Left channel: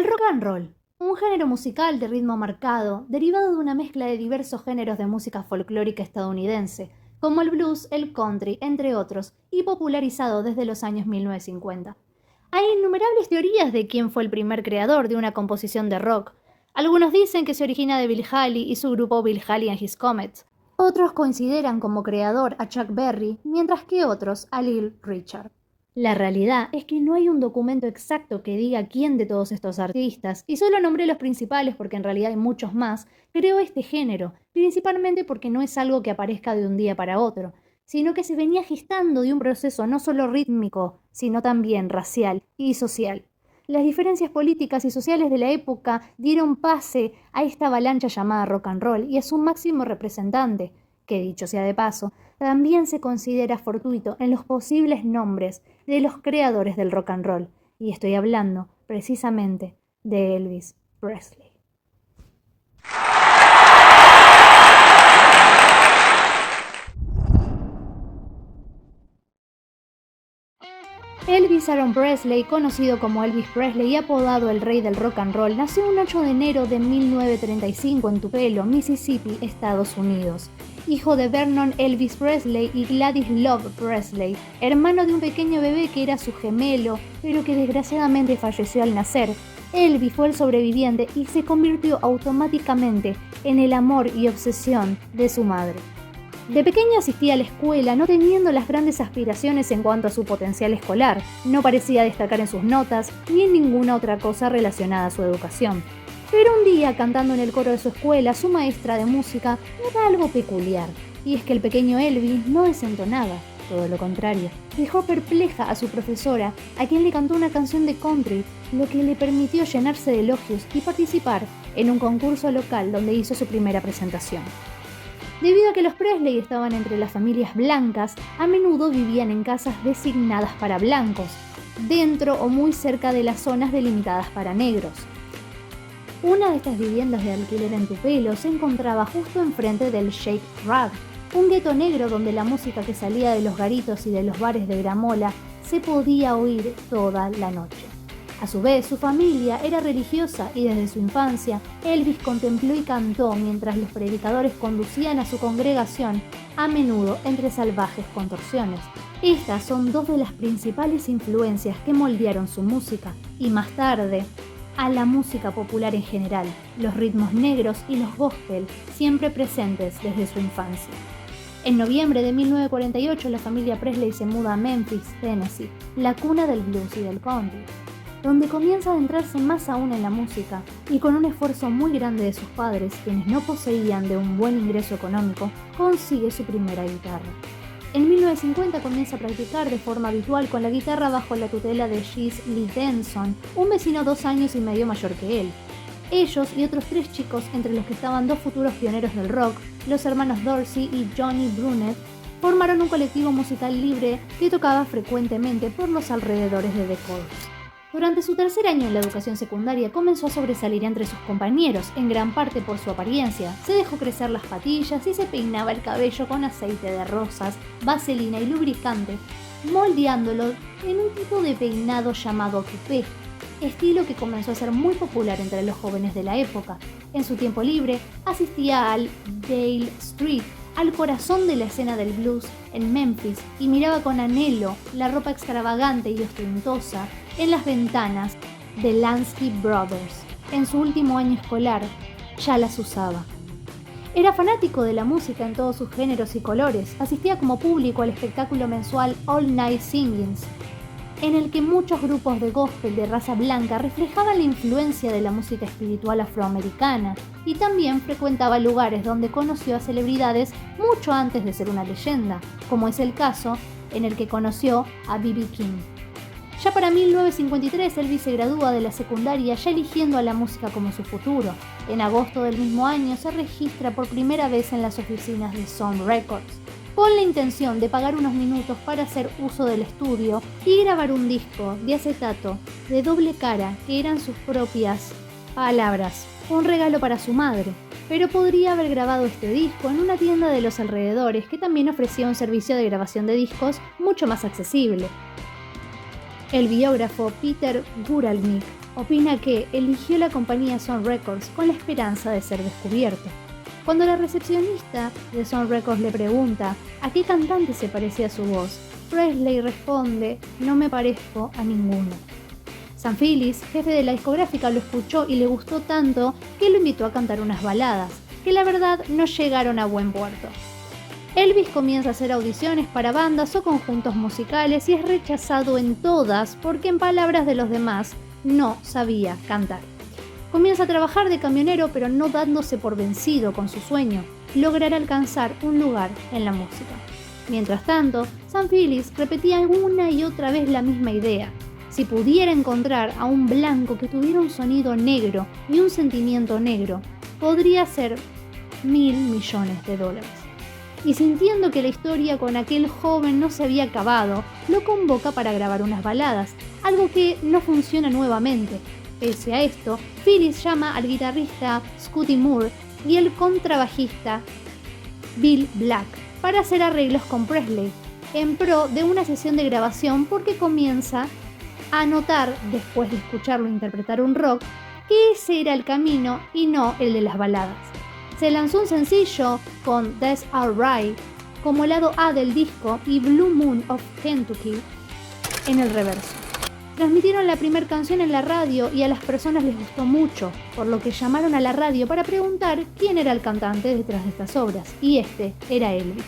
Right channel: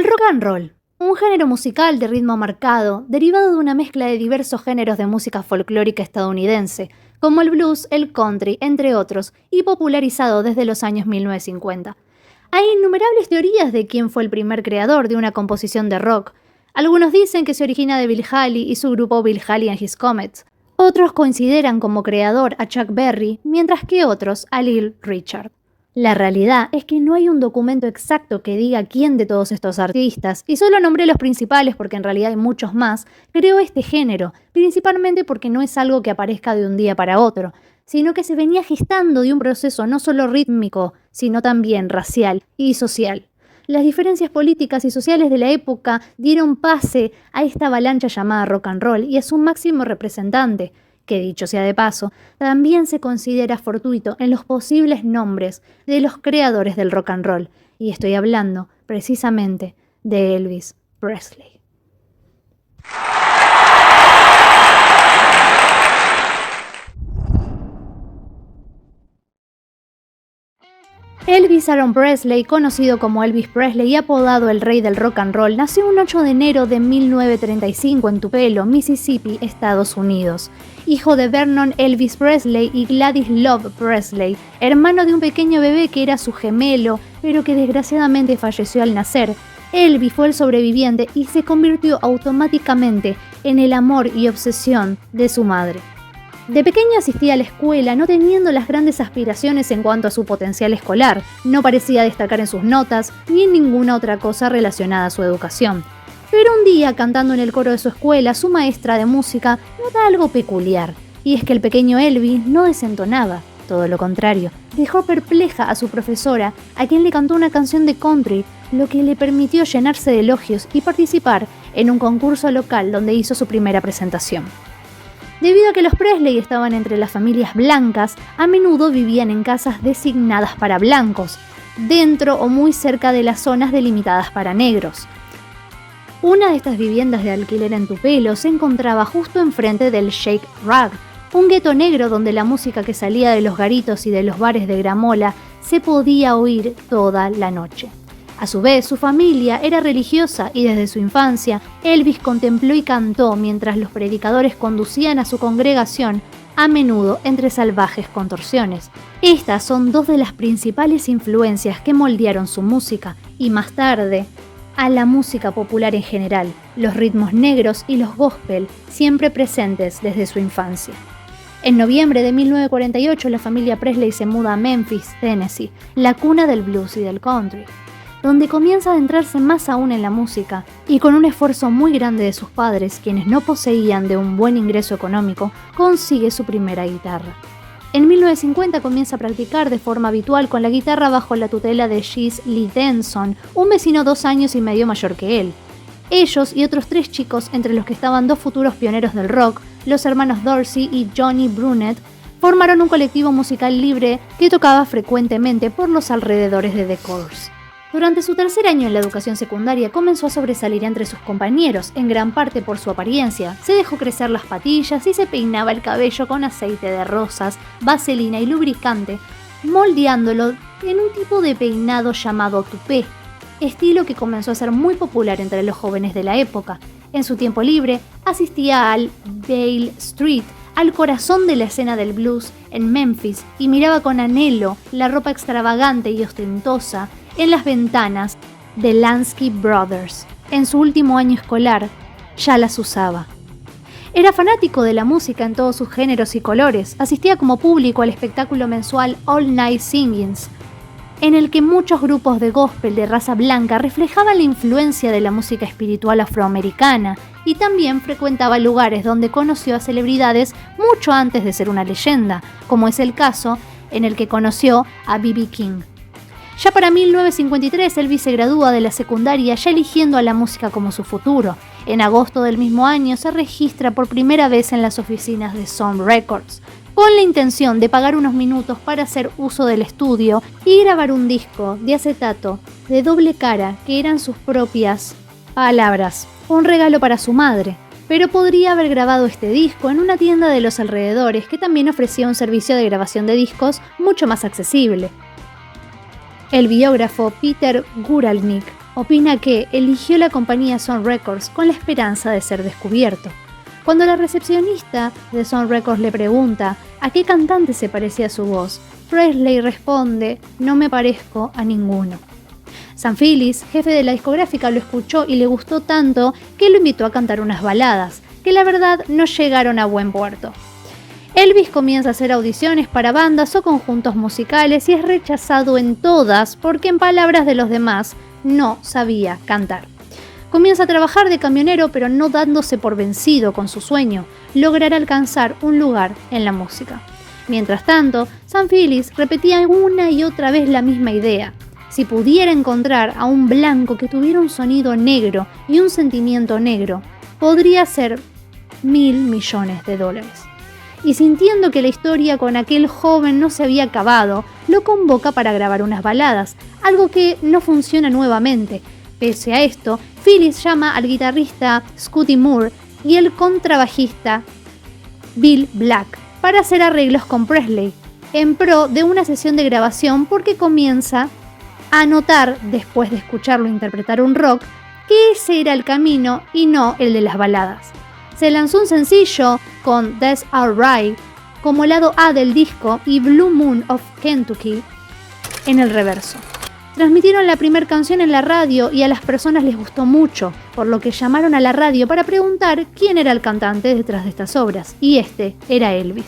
El rock and roll, un género musical de ritmo marcado, derivado de una mezcla de diversos géneros de música folclórica estadounidense, como el blues, el country, entre otros, y popularizado desde los años 1950. Hay innumerables teorías de quién fue el primer creador de una composición de rock. Algunos dicen que se origina de Bill Haley y su grupo Bill Haley and His Comets. Otros consideran como creador a Chuck Berry, mientras que otros a Little Richard. La realidad es que no hay un documento exacto que diga quién de todos estos artistas, y solo nombré los principales porque en realidad hay muchos más, creó este género, principalmente porque no es algo que aparezca de un día para otro, sino que se venía gestando de un proceso no solo rítmico, sino también racial y social. Las diferencias políticas y sociales de la época dieron pase a esta avalancha llamada rock and roll y a su máximo representante, que dicho sea de paso, también se considera fortuito en los posibles nombres de los creadores del rock and roll, y estoy hablando precisamente de Elvis Presley. Elvis Aaron Presley, conocido como Elvis Presley y apodado el rey del rock and roll, nació un 8 de enero de 1935 en Tupelo, Mississippi, Estados Unidos. Hijo de Vernon Elvis Presley y Gladys Love Presley, hermano de un pequeño bebé que era su gemelo, pero que desgraciadamente falleció al nacer. Elvis fue el sobreviviente y se convirtió automáticamente en el amor y obsesión de su madre. De pequeño asistía a la escuela, no teniendo las grandes aspiraciones en cuanto a su potencial escolar. No parecía destacar en sus notas ni en ninguna otra cosa relacionada a su educación. Pero un día, cantando en el coro de su escuela, su maestra de música nota algo peculiar, y es que el pequeño Elvis no desentonaba, todo lo contrario. Dejó perpleja a su profesora, a quien le cantó una canción de country, lo que le permitió llenarse de elogios y participar en un concurso local donde hizo su primera presentación. Debido a que los Presley estaban entre las familias blancas, a menudo vivían en casas designadas para blancos, dentro o muy cerca de las zonas delimitadas para negros. Una de estas viviendas de alquiler en Tupelo se encontraba justo enfrente del Shake Rag, un gueto negro donde la música que salía de los garitos y de los bares de gramola se podía oír toda la noche. A su vez, su familia era religiosa y desde su infancia, Elvis contempló y cantó mientras los predicadores conducían a su congregación, a menudo entre salvajes contorsiones. Estas son dos de las principales influencias que moldearon su música y más tarde a la música popular en general, los ritmos negros y los gospel, siempre presentes desde su infancia. En noviembre de 1948, la familia Presley se muda a Memphis, Tennessee, la cuna del blues y del country, donde comienza a adentrarse más aún en la música y con un esfuerzo muy grande de sus padres, quienes no poseían de un buen ingreso económico, consigue su primera guitarra. En 1950 comienza a practicar de forma habitual con la guitarra bajo la tutela de Jesse Lee Denson, un vecino 2 años y medio mayor que él. Ellos y otros 3 chicos, entre los que estaban 2 futuros pioneros del rock, los hermanos Dorsey y Johnny Brunet, formaron un colectivo musical libre que tocaba frecuentemente por los alrededores de The Course. Durante su tercer año en la educación secundaria comenzó a sobresalir entre sus compañeros, en gran parte por su apariencia. Se dejó crecer las patillas y se peinaba el cabello con aceite de rosas, vaselina y lubricante, moldeándolo en un tipo de peinado llamado tupé, estilo que comenzó a ser muy popular entre los jóvenes de la época. En su tiempo libre, asistía al Dale Street, al corazón de la escena del blues en Memphis, y miraba con anhelo la ropa extravagante y ostentosa en las ventanas de Lansky Brothers. En su último año escolar ya las usaba. Era fanático de la música en todos sus géneros y colores. Asistía como público al espectáculo mensual All Night Singings, en el que muchos grupos de gospel de raza blanca reflejaban la influencia de la música espiritual afroamericana, y también frecuentaba lugares donde conoció a celebridades mucho antes de ser una leyenda, como es el caso en el que conoció a B.B. King. Ya para 1953, Elvis se gradúa de la secundaria ya eligiendo a la música como su futuro. En agosto del mismo año se registra por primera vez en las oficinas de Sun Records, con la intención de pagar unos minutos para hacer uso del estudio y grabar un disco de acetato de doble cara que eran sus propias palabras, un regalo para su madre. Pero podría haber grabado este disco en una tienda de los alrededores que también ofrecía un servicio de grabación de discos mucho más accesible. El biógrafo Peter Guralnick opina que eligió la compañía Sun Records con la esperanza de ser descubierto. Cuando la recepcionista de Sun Records le pregunta a qué cantante se parecía su voz, Presley responde: no me parezco a ninguno. Sam Phillips, jefe de la discográfica, lo escuchó y le gustó tanto que lo invitó a cantar unas baladas, que la verdad no llegaron a buen puerto. Elvis comienza a hacer audiciones para bandas o conjuntos musicales y es rechazado en todas porque, en palabras de los demás, no sabía cantar. Comienza a trabajar de camionero, pero no dándose por vencido con su sueño, lograr alcanzar un lugar en la música. Mientras tanto, Sam Phillips repetía una y otra vez la misma idea. Si pudiera encontrar a un blanco que tuviera un sonido negro y un sentimiento negro, podría ser $1.000 millones. Y sintiendo que la historia con aquel joven no se había acabado, lo convoca para grabar unas baladas, algo que no funciona nuevamente. Pese a esto, Phillips llama al guitarrista Scotty Moore y el contrabajista Bill Black para hacer arreglos con Presley, en pro de una sesión de grabación, porque comienza a notar, después de escucharlo interpretar un rock, que ese era el camino y no el de las baladas. Se lanzó un sencillo con That's Alright como lado A del disco y Blue Moon of Kentucky en el reverso. Transmitieron la primera canción en la radio y a las personas les gustó mucho, por lo que llamaron a la radio para preguntar quién era el cantante detrás de estas obras, y este era Elvis.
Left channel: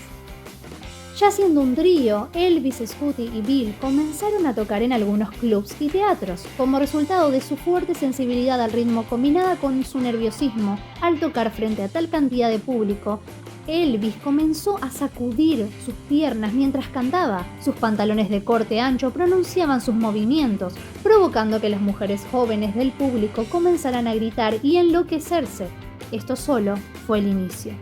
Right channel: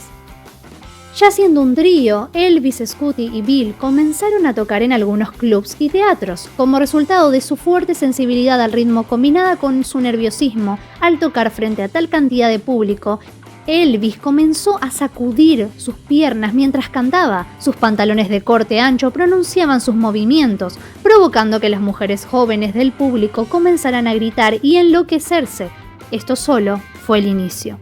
Ya siendo un trío, Elvis, Scotty y Bill comenzaron a tocar en algunos clubs y teatros. Como resultado de su fuerte sensibilidad al ritmo combinada con su nerviosismo al tocar frente a tal cantidad de público, Elvis comenzó a sacudir sus piernas mientras cantaba. Sus pantalones de corte ancho pronunciaban sus movimientos, provocando que las mujeres jóvenes del público comenzaran a gritar y enloquecerse. Esto solo fue el inicio.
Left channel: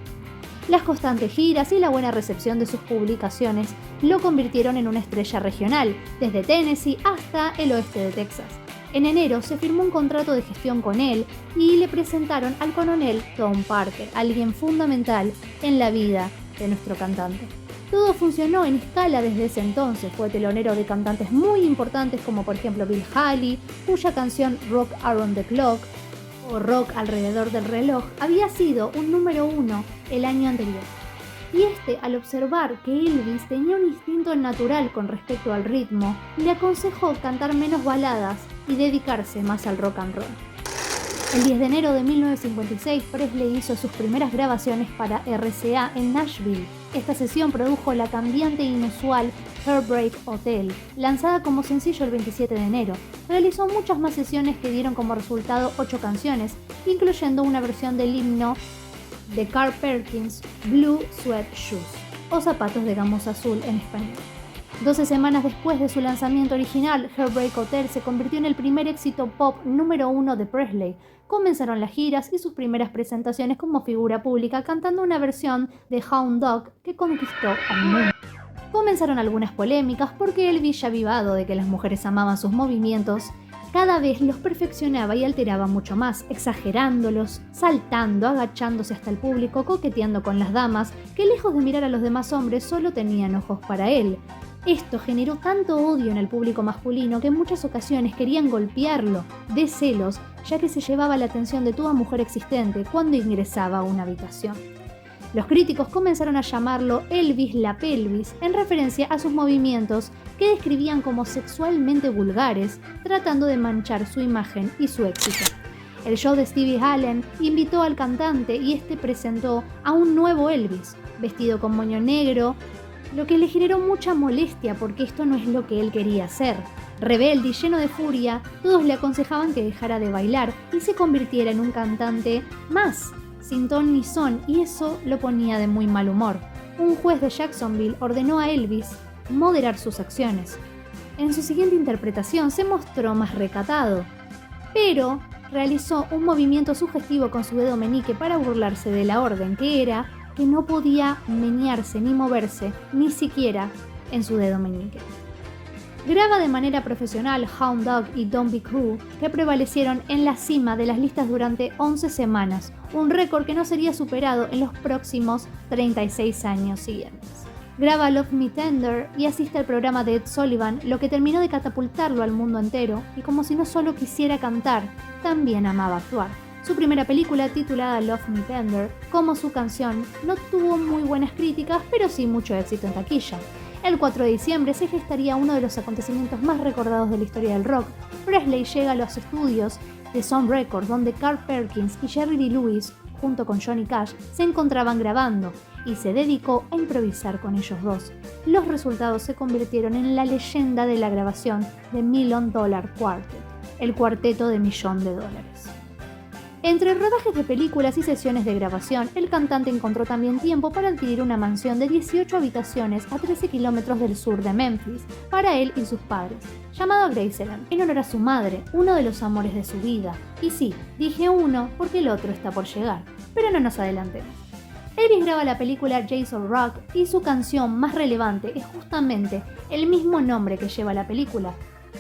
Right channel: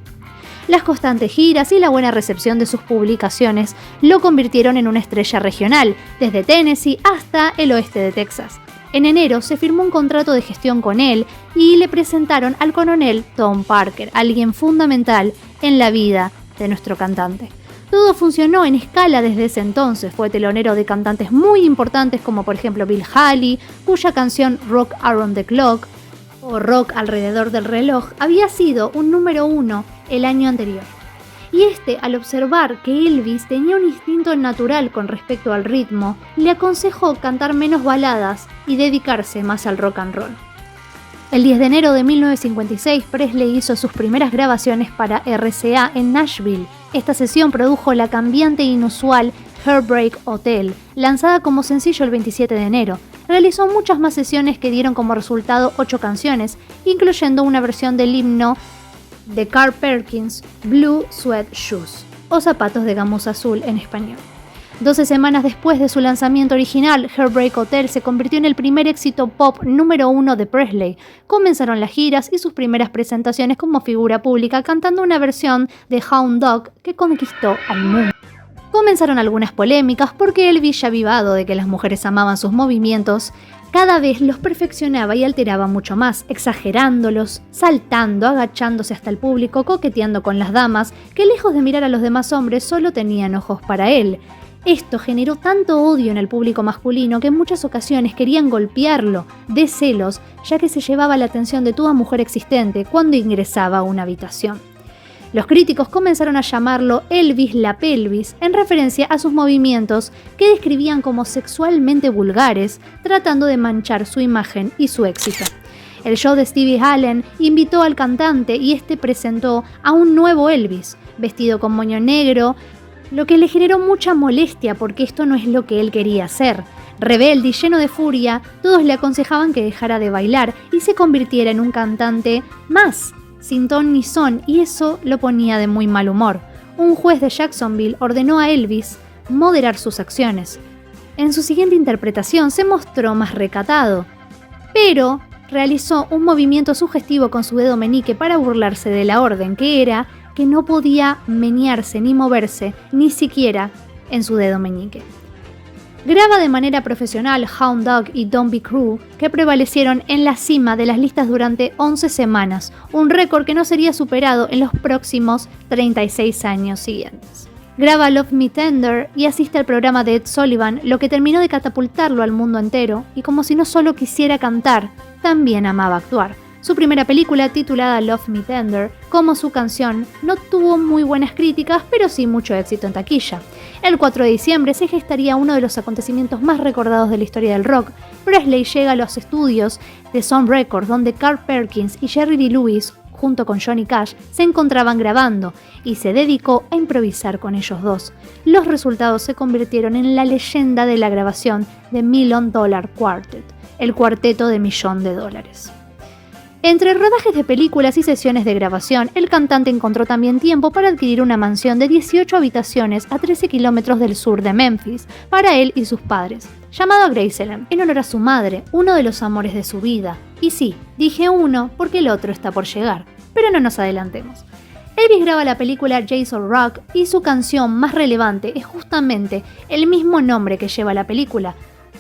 Las constantes giras y la buena recepción de sus publicaciones lo convirtieron en una estrella regional, desde Tennessee hasta el oeste de Texas. En enero se firmó un contrato de gestión con él y le presentaron al coronel Tom Parker, alguien fundamental en la vida de nuestro cantante. Todo funcionó en escala desde ese entonces. Fue telonero de cantantes muy importantes como por ejemplo Bill Haley, cuya canción Rock Around the Clock o Rock alrededor del reloj había sido un número 1 el año anterior. Y al observar que Elvis tenía un instinto natural con respecto al ritmo, le aconsejó cantar menos baladas y dedicarse más al rock and roll. El 10 de enero de 1956, Presley hizo sus primeras grabaciones para RCA en Nashville. Esta sesión produjo la cambiante e inusual Heartbreak Hotel, lanzada como sencillo el 27 de enero. Realizó muchas más sesiones que dieron como resultado 8 canciones, incluyendo una versión del himno de Carl Perkins, Blue Suede Shoes, o zapatos de gamuza azul en español. 12 semanas después de su lanzamiento original, Heartbreak Hotel se convirtió en el primer éxito pop número 1 de Presley. Comenzaron las giras y sus primeras presentaciones como figura pública, cantando una versión de Hound Dog que conquistó al mundo. Comenzaron algunas polémicas porque Elvis, ya avivado de que las mujeres amaban sus movimientos, cada vez los perfeccionaba y alteraba mucho más, exagerándolos, saltando, agachándose hasta el público, coqueteando con las damas, que lejos de mirar a los demás hombres solo tenían ojos para él. Esto generó tanto odio en el público masculino que en muchas ocasiones querían golpearlo, de celos, ya que se llevaba la atención de toda mujer existente cuando ingresaba a una habitación. Los críticos comenzaron a llamarlo Elvis la pelvis, en referencia a sus movimientos que describían como sexualmente vulgares, tratando de manchar su imagen y su éxito. El show de Stevie Allen invitó al cantante y presentó a un nuevo Elvis, vestido con moño negro, lo que le generó mucha molestia porque esto no es lo que él quería hacer. Rebelde y lleno de furia, todos le aconsejaban que dejara de bailar y se convirtiera en un cantante más, sin ton ni son, y eso lo ponía de muy mal humor. Un juez de Jacksonville ordenó a Elvis moderar sus acciones. En su siguiente interpretación se mostró más recatado, pero realizó un movimiento sugestivo con su dedo meñique para burlarse de la orden, que era que no podía menearse ni moverse, ni siquiera en su dedo meñique. Graba de manera profesional Hound Dog y Don't Be Cruel, que prevalecieron en la cima de las listas durante 11 semanas, un récord que no sería superado en los próximos 36 años siguientes. Graba Love Me Tender y asiste al programa de Ed Sullivan, lo que terminó de catapultarlo al mundo entero, y como si no solo quisiera cantar, también amaba actuar. Su primera película, titulada Love Me Tender, como su canción, no tuvo muy buenas críticas, pero sí mucho éxito en taquilla. El 4 de diciembre se gestaría uno de los acontecimientos más recordados de la historia del rock. Presley llega a los estudios de Sun Records, donde Carl Perkins y Jerry Lee Lewis, junto con Johnny Cash, se encontraban grabando, y se dedicó a improvisar con ellos dos. Los resultados se convirtieron en la leyenda de la grabación de Million Dollar Quartet, el cuarteto de $1.000.000. Entre rodajes de películas y sesiones de grabación, el cantante encontró también tiempo para adquirir una mansión de 18 habitaciones a 13 kilómetros del sur de Memphis, para él y sus padres, llamado Graceland, en honor a su madre, uno de los amores de su vida. Y sí, dije uno porque el otro está por llegar, pero no nos adelantemos. Elvis graba la película Jason Rock y su canción más relevante es justamente el mismo nombre que lleva la película,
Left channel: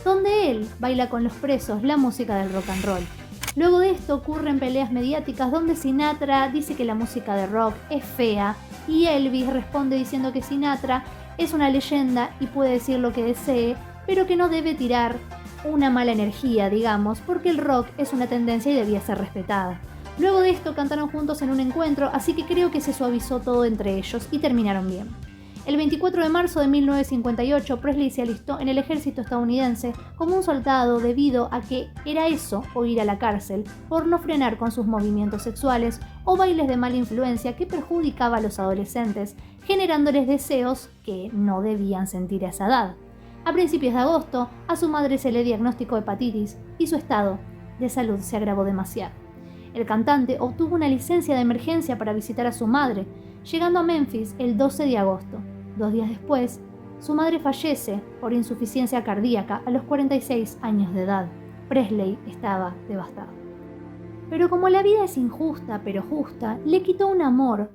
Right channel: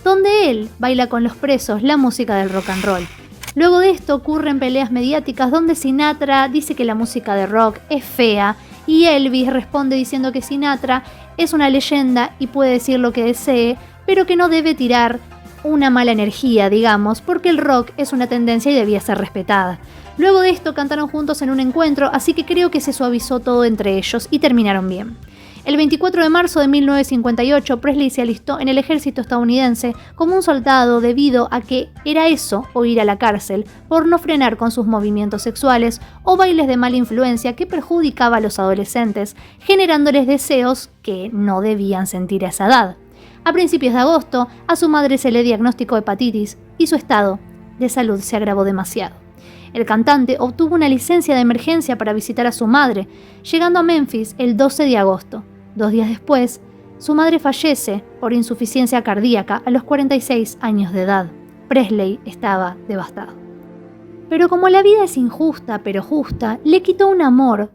donde él baila con los presos la música del rock and roll. Luego de esto ocurren peleas mediáticas donde Sinatra dice que la música de rock es fea y Elvis responde diciendo que Sinatra es una leyenda y puede decir lo que desee, pero que no debe tirar una mala energía, digamos, porque el rock es una tendencia y debía ser respetada. Luego de esto cantaron juntos en un encuentro, así que creo que se suavizó todo entre ellos y terminaron bien. El 24 de marzo de 1958, Presley se alistó en el ejército estadounidense como un soldado debido a que era eso o ir a la cárcel por no frenar con sus movimientos sexuales o bailes de mala influencia que perjudicaba a los adolescentes, generándoles deseos que no debían sentir a esa edad. A principios de agosto, a su madre se le diagnosticó hepatitis y su estado de salud se agravó demasiado. El cantante obtuvo una licencia de emergencia para visitar a su madre, llegando a Memphis el 12 de agosto. 2 días después, su madre fallece por insuficiencia cardíaca a los 46 años de edad. Presley estaba devastado. Pero como la vida es injusta pero justa, le quitó un amor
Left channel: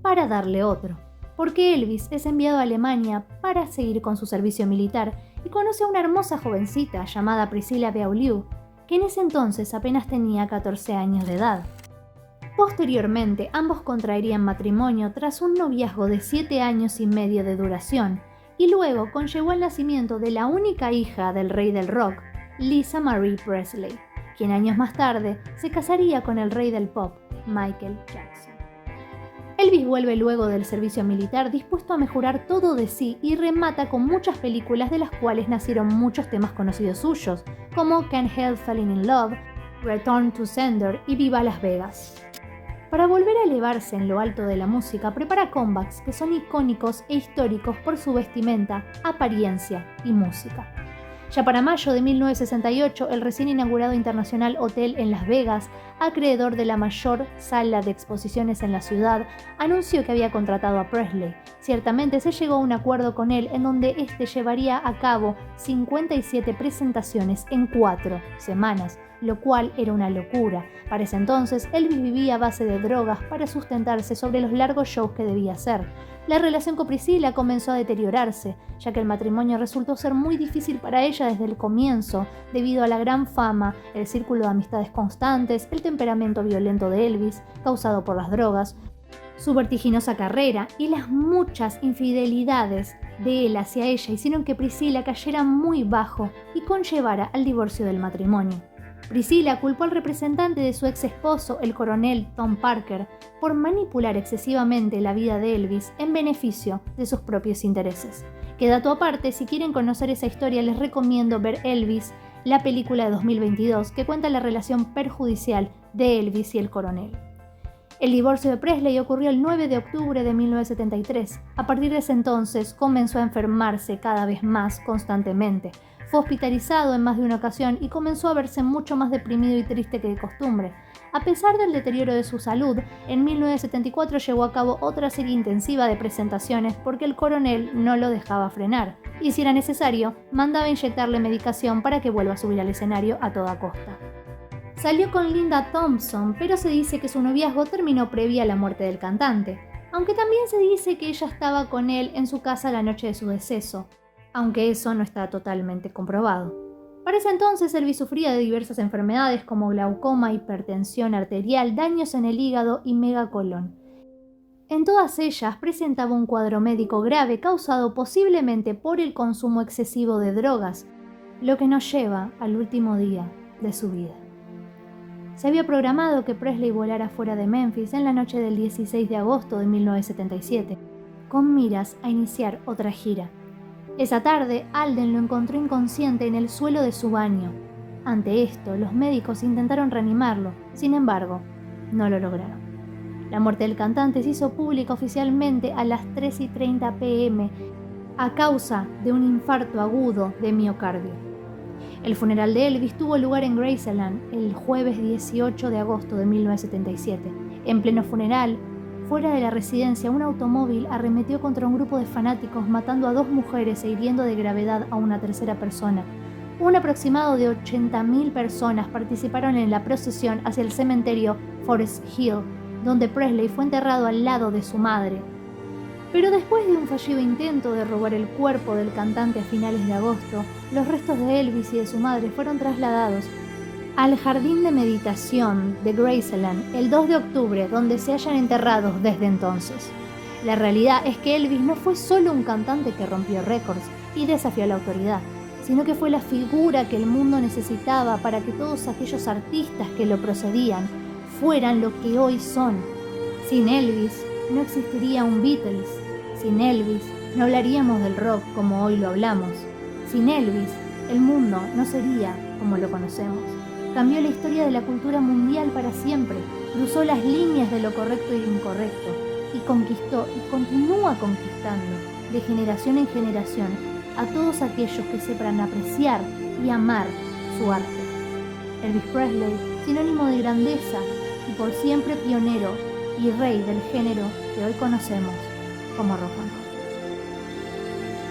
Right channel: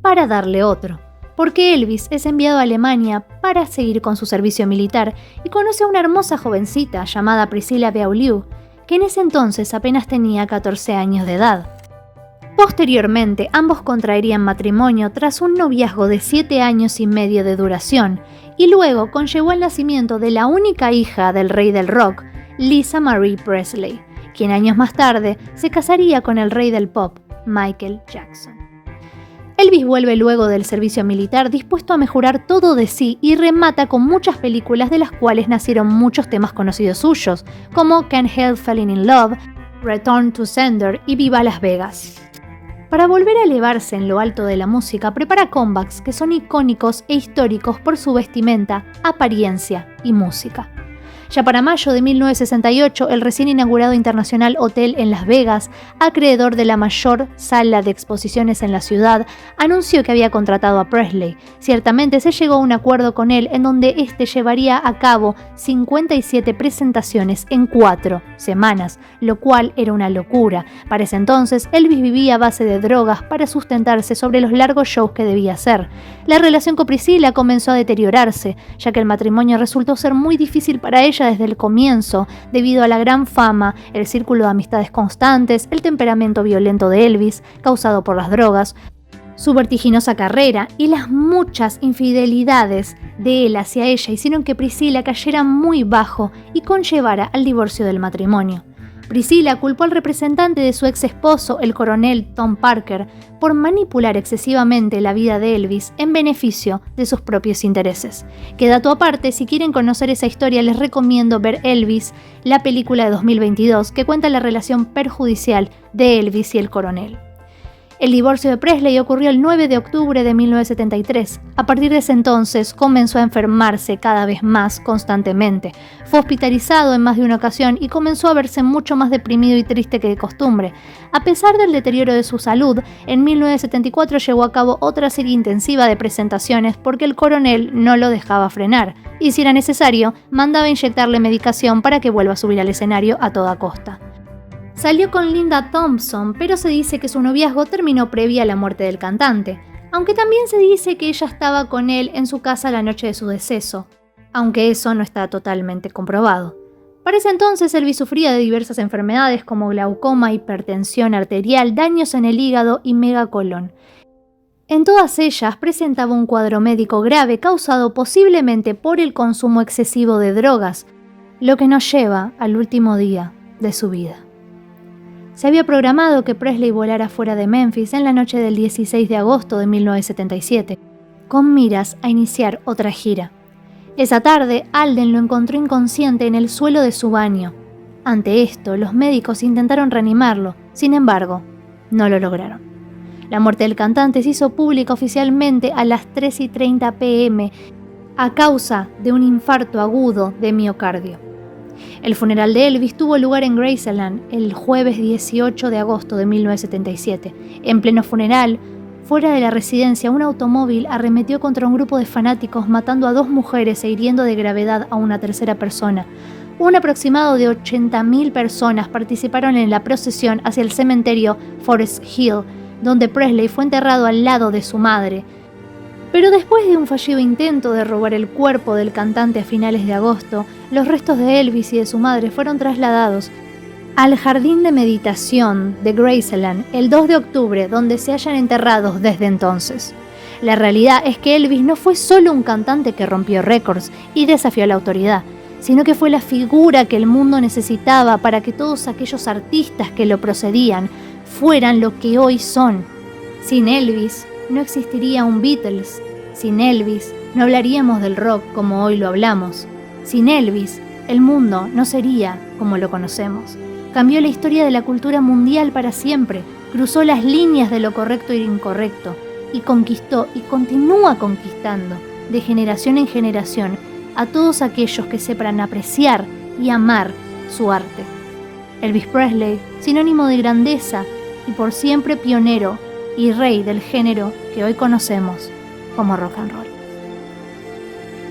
para darle otro. Porque Elvis es enviado a Alemania para seguir con su servicio militar y conoce a una hermosa jovencita llamada Priscilla Beaulieu, que en ese entonces apenas tenía 14 años de edad. Posteriormente, ambos contraerían matrimonio tras un noviazgo de 7 años y medio de duración, y luego conllevó el nacimiento de la única hija del rey del rock, Lisa Marie Presley, quien años más tarde se casaría con el rey del pop, Michael Jackson. Elvis vuelve luego del servicio militar dispuesto a mejorar todo de sí y remata con muchas películas de las cuales nacieron muchos temas conocidos suyos, como Can't Help Falling in Love, Return to Sender y Viva Las Vegas. Para volver a elevarse en lo alto de la música, prepara comebacks que son icónicos e históricos por su vestimenta, apariencia y música. Ya para mayo de 1968, el recién inaugurado International Hotel en Las Vegas, acreedor de la mayor sala de exposiciones en la ciudad, anunció que había contratado a Presley. Ciertamente se llegó a un acuerdo con él en donde este llevaría a cabo 57 presentaciones en 4 semanas, lo cual era una locura. Para ese entonces, Elvis vivía a base de drogas para sustentarse sobre los largos shows que debía hacer. La relación con Priscilla comenzó a deteriorarse, ya que el matrimonio resultó ser muy difícil para ella desde el comienzo, debido a la gran fama, el círculo de amistades constantes, el temperamento violento de Elvis, causado por las drogas, su vertiginosa carrera y las muchas infidelidades de él hacia ella hicieron que Priscilla cayera muy bajo y conllevara al divorcio del matrimonio. Priscilla culpó al representante de su ex esposo, el coronel Tom Parker, por manipular excesivamente la vida de Elvis en beneficio de sus propios intereses. Que dato aparte, si quieren conocer esa historia les recomiendo ver Elvis, la película de 2022 que cuenta la relación perjudicial de Elvis y el coronel. El divorcio de Presley ocurrió el 9 de octubre de 1973. A partir de ese entonces comenzó a enfermarse cada vez más constantemente. Fue hospitalizado en más de una ocasión y comenzó a verse mucho más deprimido y triste que de costumbre. A pesar del deterioro de su salud, en 1974 llevó a cabo otra serie intensiva de presentaciones porque el coronel no lo dejaba frenar y, si era necesario, mandaba inyectarle medicación para que vuelva a subir al escenario a toda costa. Salió con Linda Thompson, pero se dice que su noviazgo terminó previa a la muerte del cantante, aunque también se dice que ella estaba con él en su casa la noche de su deceso, aunque eso no está totalmente comprobado. Para ese entonces, Elvis sufría de diversas enfermedades como glaucoma, hipertensión arterial, daños en el hígado y megacolón. En todas ellas presentaba un cuadro médico grave causado posiblemente por el consumo excesivo de drogas, lo que nos lleva al último día de su vida. Se había programado que Presley volara fuera de Memphis en la noche del 16 de agosto de 1977, con miras a iniciar otra gira. Esa tarde, Alden lo encontró inconsciente en el suelo de su baño. Ante esto, los médicos intentaron reanimarlo, sin embargo, no lo lograron. La muerte del cantante se hizo pública oficialmente a las 3:30 p.m. a causa de un infarto agudo de miocardio. El funeral de Elvis tuvo lugar en Graceland el jueves 18 de agosto de 1977. En pleno funeral, fuera de la residencia, un automóvil arremetió contra un grupo de fanáticos, matando a 2 mujeres e hiriendo de gravedad a una tercera persona. Un aproximado de 80.000 personas participaron en la procesión hacia el cementerio Forest Hill, donde Presley fue enterrado al lado de su madre. Pero después de un fallido intento de robar el cuerpo del cantante a finales de agosto, los restos de Elvis y de su madre fueron trasladados al jardín de meditación de Graceland el 2 de octubre, donde se hallan enterrados desde entonces. La realidad es que Elvis no fue solo un cantante que rompió récords y desafió a la autoridad, sino que fue la figura que el mundo necesitaba para que todos aquellos artistas que lo procedían fueran lo que hoy son. Sin Elvis no existiría un Beatles. Sin Elvis no hablaríamos del rock como hoy lo hablamos. Sin Elvis, el mundo no sería como lo conocemos. Cambió la historia de la cultura mundial para siempre, cruzó las líneas de lo correcto y lo incorrecto, y conquistó y continúa conquistando, de generación en generación, a todos aquellos que sepan apreciar y amar su arte. Elvis Presley, sinónimo de grandeza y por siempre pionero y rey del género que hoy conocemos como rock and roll.